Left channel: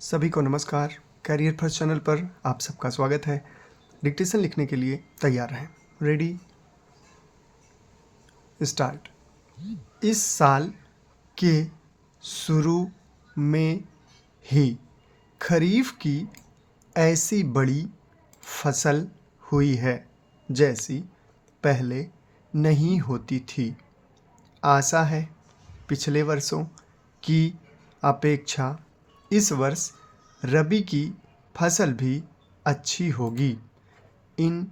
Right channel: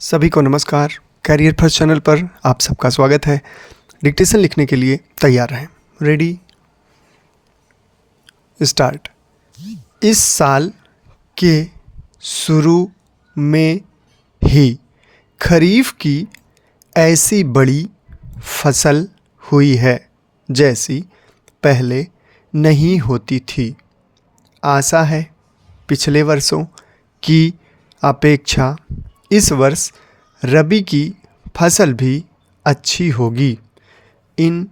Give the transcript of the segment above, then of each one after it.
सभी को नमस्कार। कैरियर फर्स्ट चैनल पर आप सबका स्वागत है। डिक्टेशन लिखने के लिए तैयार रहें। Ready start. इस साल के शुरू में ही खरीफ की ऐसी बड़ी फसल हुई है जैसी पहले नहीं होती थी। आशा है पिछले वर्षों की अपेक्षा इस वर्ष रबी की फसल भी अच्छी होगी। इन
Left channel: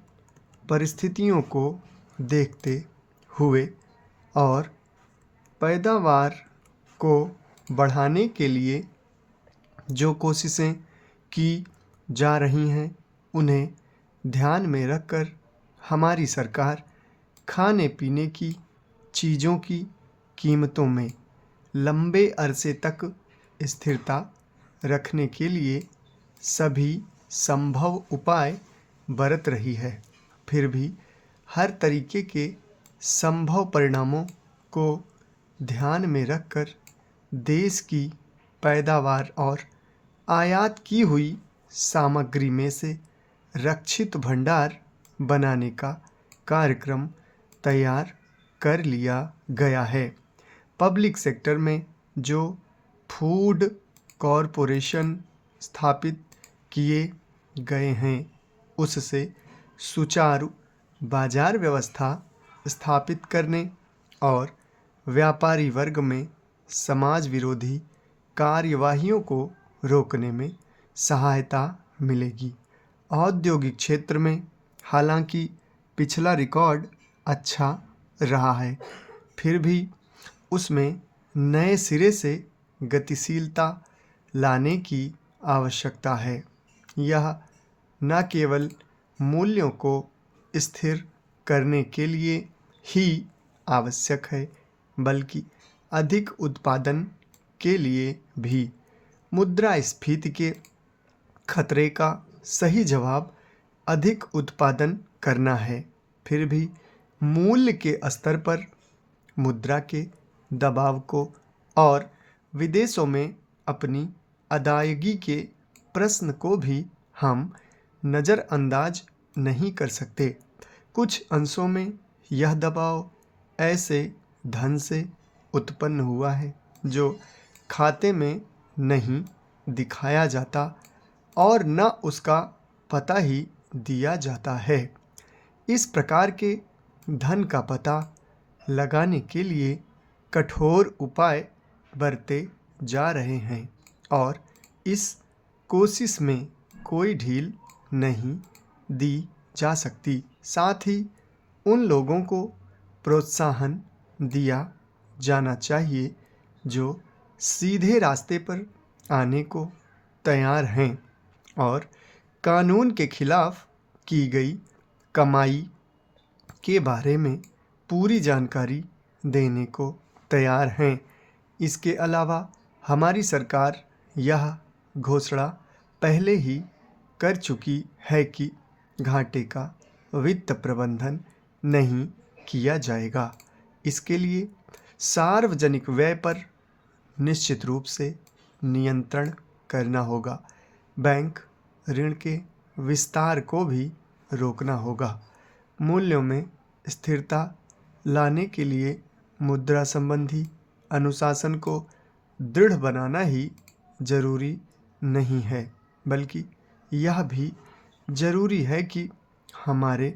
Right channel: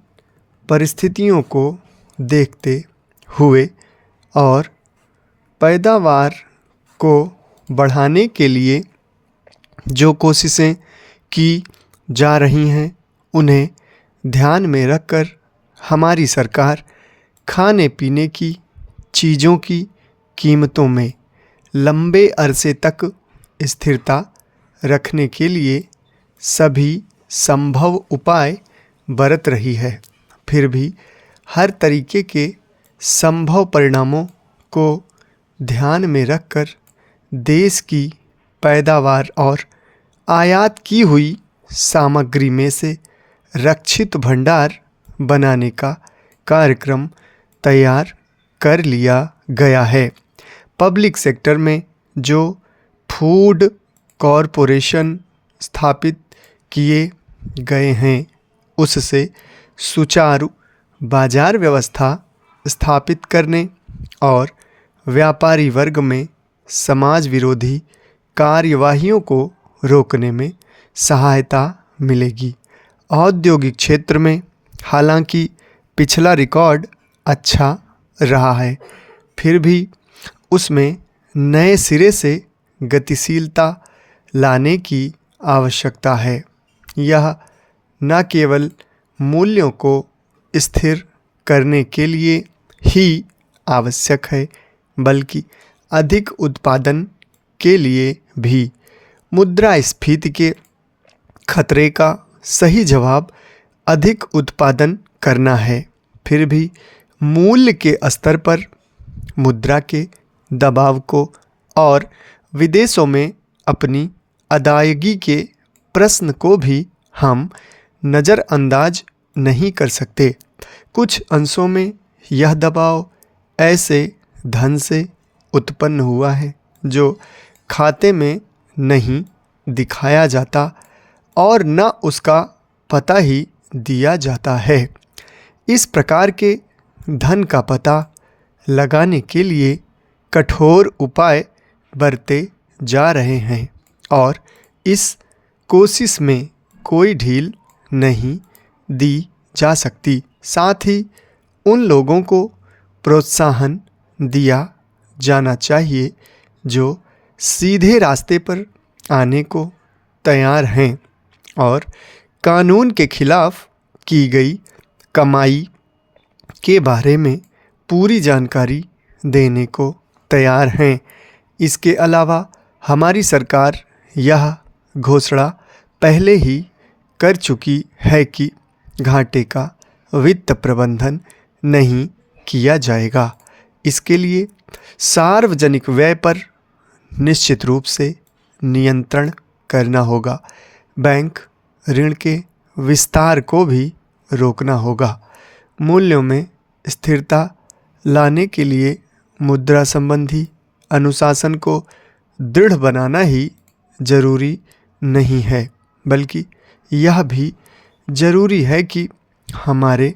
परिस्थितियों को देखते हुए और पैदावार को बढ़ाने के लिए जो कोशिशें की जा रही हैं उन्हें ध्यान में रखकर हमारी सरकार खाने पीने की चीज़ों की कीमतों में लंबे अरसे तक स्थिरता रखने के लिए सभी संभव उपाय बरत रही है। फिर भी हर तरीके के संभव परिणामों को ध्यान में रखकर देश की पैदावार और आयात की हुई सामग्री में से रक्षित भंडार बनाने का कार्यक्रम तैयार कर लिया गया है। पब्लिक सेक्टर में जो फूड कॉरपोरेशन स्थापित किए गए हैं उससे सुचारू बाजार व्यवस्था स्थापित करने और व्यापारी वर्ग में समाज विरोधी कार्यवाहियों को रोकने में सहायता मिलेगी। औद्योगिक क्षेत्र में हालांकि पिछला रिकॉर्ड अच्छा रहा है, फिर भी उसमें नए सिरे से गतिशीलता लाने की आवश्यकता है। यह न केवल मूल्यों को स्थिर करने के लिए ही आवश्यक है बल्कि अधिक उत्पादन के लिए भी। मुद्रास्फीति के खतरे का सही जवाब अधिक उत्पादन करना है। फिर भी मूल्य के स्तर पर मुद्रा के दबाव को और विदेशों में अपनी अदायगी के प्रश्न को भी हम नज़रअंदाज नहीं कर सकते। कुछ अंशों में यह दबाव ऐसे धन से उत्पन्न हुआ है जो खाते में नहीं दिखाया जाता और न उसका पता ही दिया जाता है। इस प्रकार के धन का पता लगाने के लिए कठोर उपाय बरते जा रहे हैं और इस कोशिश में कोई ढील नहीं दी जा सकती। साथ ही उन लोगों को प्रोत्साहन दिया जाना चाहिए जो सीधे रास्ते पर आने को तैयार हैं और कानून के खिलाफ की गई कमाई के बारे में पूरी जानकारी देने को तैयार हैं। इसके अलावा हमारी सरकार यह घोषणा पहले ही कर चुकी है कि घाटे का वित्त प्रबंधन नहीं किया जाएगा। इसके लिए सार्वजनिक व्यय पर निश्चित रूप से नियंत्रण करना होगा। बैंक ऋण के विस्तार को भी रोकना होगा। मूल्यों में स्थिरता लाने के लिए मुद्रा संबंधी अनुशासन को दृढ़ बनाना ही जरूरी नहीं है बल्कि यह भी जरूरी है कि हमारे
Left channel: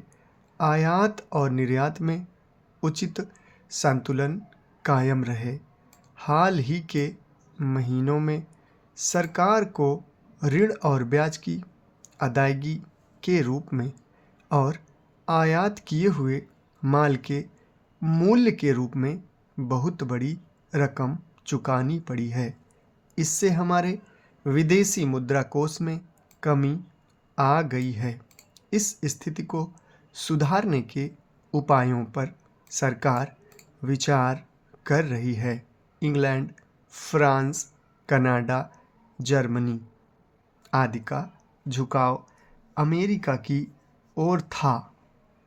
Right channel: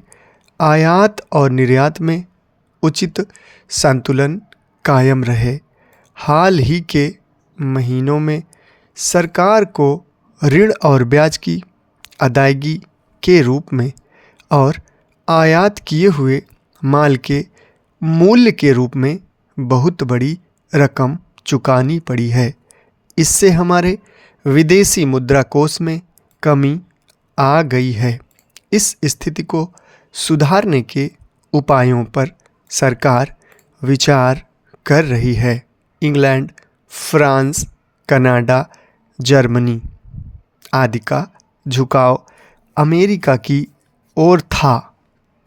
आयात और निर्यात में उचित संतुलन कायम रहे। हाल ही के महीनों में सरकार को ऋण और ब्याज की अदायगी के रूप में और आयात किए हुए माल के मूल्य के रूप में बहुत बड़ी रकम चुकानी पड़ी है। इससे हमारे विदेशी मुद्रा कोष में कमी आ गई है। इस स्थिति को सुधारने के उपायों पर सरकार विचार कर रही है। इंग्लैंड, फ्रांस, कनाडा, जर्मनी आदि का झुकाव अमेरिका की ओर था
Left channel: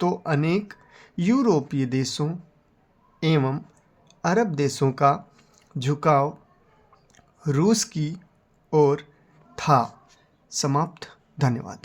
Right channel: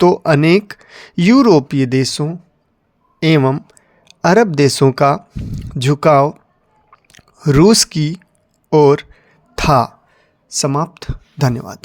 तो अनेक यूरोपीय देशों एवं अरब देशों का झुकाव रूस की ओर था। समाप्त। धन्यवाद।